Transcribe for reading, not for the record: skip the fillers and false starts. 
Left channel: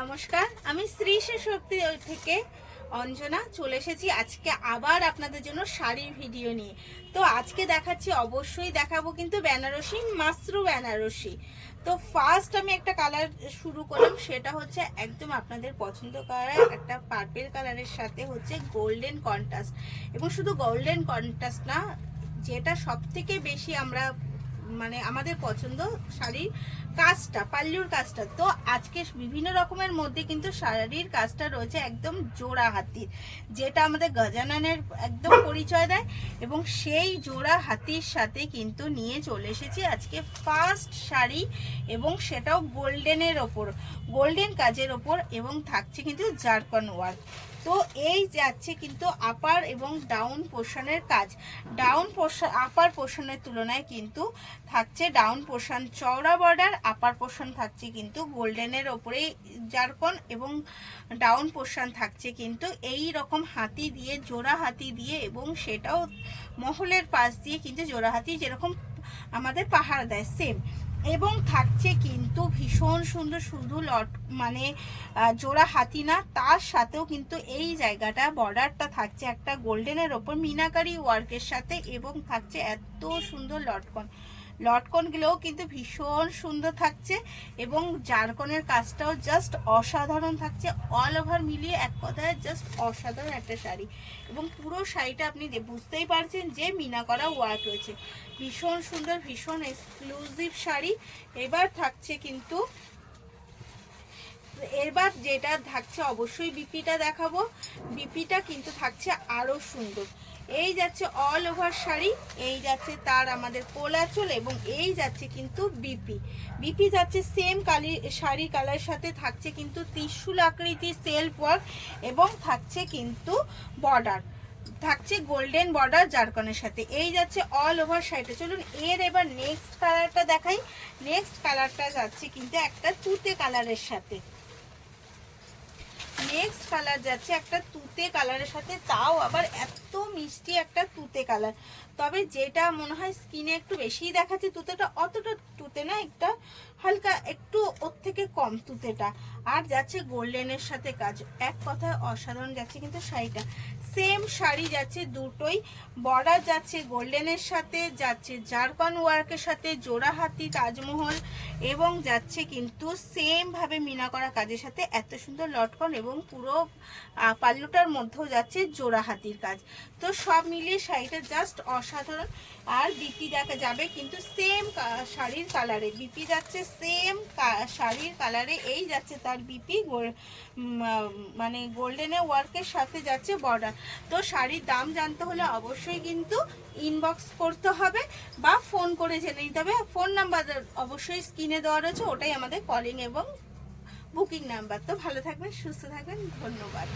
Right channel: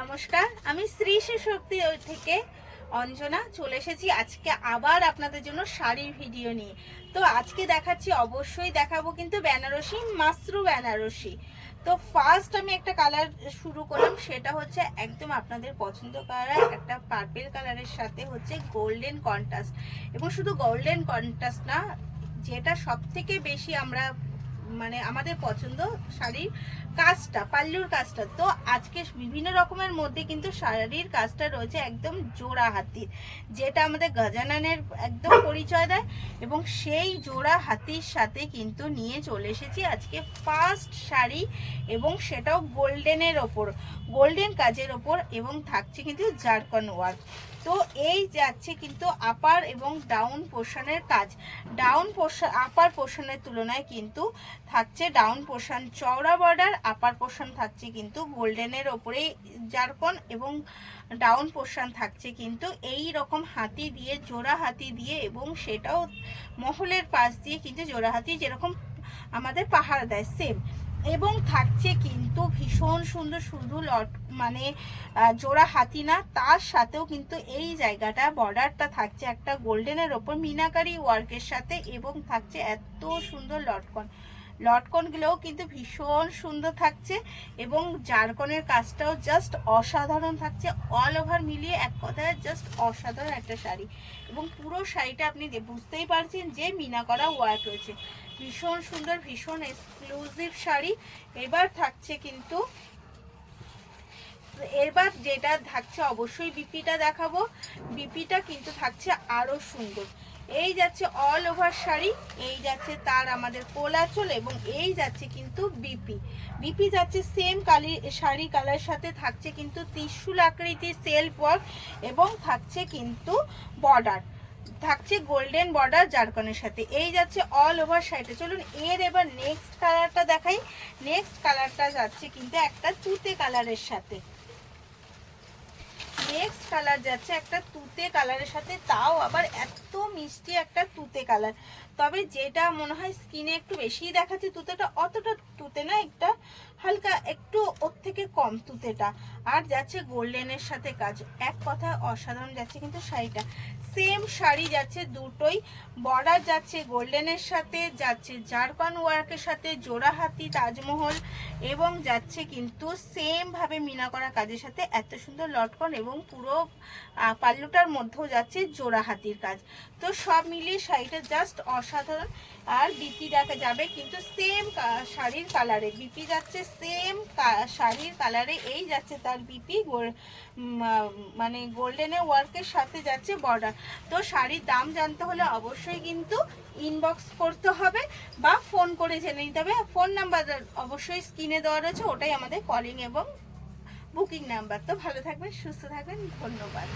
নমস্কার, আমি শ্রী শক্তি থেকে অঞ্জনা চলে এসেছি আজকে আবার আপনাদের জন্য শাড়ির ভিডিও নিয়ে। তো আজকে দেখাচ্ছি, অবশ্যই দেখাবো কিন্তু বেনারসি, মাসরু বেনারসি। তো ফার্স্ট আমি একটা কালার শুরু করলাম, সেটা হচ্ছে একদম আপনাদের পছন্দ করা একটা পার্পল কালারের সাথে হচ্ছে গোল্ডেন কন্ট্রাস্ট। এবং শুধু গোল্ডেন কন্ট্রাস্ট না, যেটা সব থেকে বেশি আমরা মানে আমাদের পছন্দ শাড়ির কাজটা, পাল্লুর কাজটা। তো আজকে বিভিন্ন রকমের মধ্যে কিন্তু শাড়ির কাজটা রয়েছে একদম জোড়া হাতির, যেটা আমাদের গজাননের একদম পরিচয় দেয়। এবং সেই জোড়া হাতির সাথে কিন্তু নিয়ে চলে এসেছি আজকে ফার্স্ট শাড়ি, এবং সেটাও গোল্ডেনের ওপর, গোল্ডেন কাজের ওপর, এবং থাকছে কিন্তু জারকন ওয়ার্ক। তো এই যাচ্ছে কিন্তু আপার এবং ডাউন পোর্শনের কাজ। ডাউন পোর্শন আপার পোর্শনের তুলনায় কিন্তু থাকছে ডাউন পোর্শন চওড়া বর্ডার, আপার পোর্শন থাকছে কিন্তু গোল্ডেনের ওপরে জারকন, এবং ডাউন পোর্শন থাকছে কিন্তু এই রকম হাতি দিয়ে, জোড়া হাতি দিয়ে, এবং সেটাও মহলের পাশ দিয়ে কিন্তু জোড়া হাতি যেরকম আমাদের পাহাড় দেয় সেম। এবং থাকছে কিন্তু ভীষণ সুন্দর, শুধু মানে জোড়া হাতি না, তার সাথেও কিন্তু এই জায়গাটা বর্ডারটা থাকছে একটা গোল্ডেনের ওপর মিনাকারি ওয়ার্কের সাথে, এবং থাকছে এত সুন্দর লটকনগুলোও কিন্তু ভীষণ সুন্দর থাকছে। এবং জারকনের কাজটাও জাস্ট অসাধারণ থাকছে। অল ওভার মিলিয়ে এক কথায় জাস্ট অসাধারণ একটা শাড়ি। এবং পুরো শাড়িটা আপনি বুঝতেই পারছেন যে মিনা করা ওয়ার্ক রয়েছে। ভীষণ সুন্দর, ভীষণ এক্সক্লুসিভ শাড়ি। এবার থাকছে কিন্তু, এবার যেটা থাকছে অবশ্যই বিপিটা দেখাবো। বিপিটা কিন্তু থাকছে আরো সুন্দর। এই যাচ্ছে অল ওভার শাড়ি, এই যাচ্ছে তার আমাদের কোলাচল, এবং এই যাচ্ছে কিন্তু বিপি যাচ্ছে সেম শাড়ি কালার সাথে থাকছে কিন্তু ত্রিশূল আকৃতির সেলফ ওয়ার্ক, এবং থাকছে কিন্তু বর্ডার, থাকছে গোল্ডেন বর্ডার জারকনের সাথে। এই যাচ্ছে অল ওভার শাড়িটা। চলুন এর এবার নেক্সট কালারটা দেখাই। নেক্সট কালারটা যাচ্ছে কিন্তু একটা তুতে কালারের সাথে। নেক্সট কালার যাচ্ছে একটা তুতে কালারের সাথে, তাও আবার এত মিষ্টি একটা তুতে কালার। তবে যেটা মনে হয় স্কিনে একটু বেশিই দেখাচ্ছে তুতেটা, অতটা তুতে না, একটা হালকা একটু ওর থেকে কম তুতেটা। আর যাচ্ছে গোল্ডেনের সাথে কাজ, এক কথায় অসাধারণ যাচ্ছে কিন্তু শাড়িটা। সেম শাড়ি যাচ্ছে দুটোই, বর্ডার যাচ্ছে গোল্ডেনের সাথে, যাচ্ছে জারকন ওয়ার্কের সাথে, জোড়া হাতি তাজমহল, এবং যাচ্ছে কিন্তু সেম ভাবে মিনা করা কাজের সাথে এত সুন্দর লটকন, এবং পুরো পাল্লুটার মধ্যেও যাচ্ছে জোড়া হাতির কাজ। তো সব মিলিয়ে শাড়িটা জাস্ট অসাধারণ। আর বিপি দেখা যাবে কিন্তু সেম শাড়ির কালারে, বিপি যাচ্ছে সেম শাড়ির কালারে। এই যাচ্ছে তার বিপি মানে গোল্ডেনের ওয়ার্কের সাথে যাচ্ছে বর্ডার। তো শাড়ির দাম জানতে হলে অবশ্যই কিন্তু ইনবক্স করতে হবে বা ফোন করে জেনে নিতে হবে। ফোন নাম্বার অবশ্যই স্ক্রিনে দেওয়া রয়েছে, ওটাই আমাদের কলিং এবং বুকিং নাম্বার। তো ভালো থাকবেন, সুস্থ থাকবেন, ধন্যবাদ।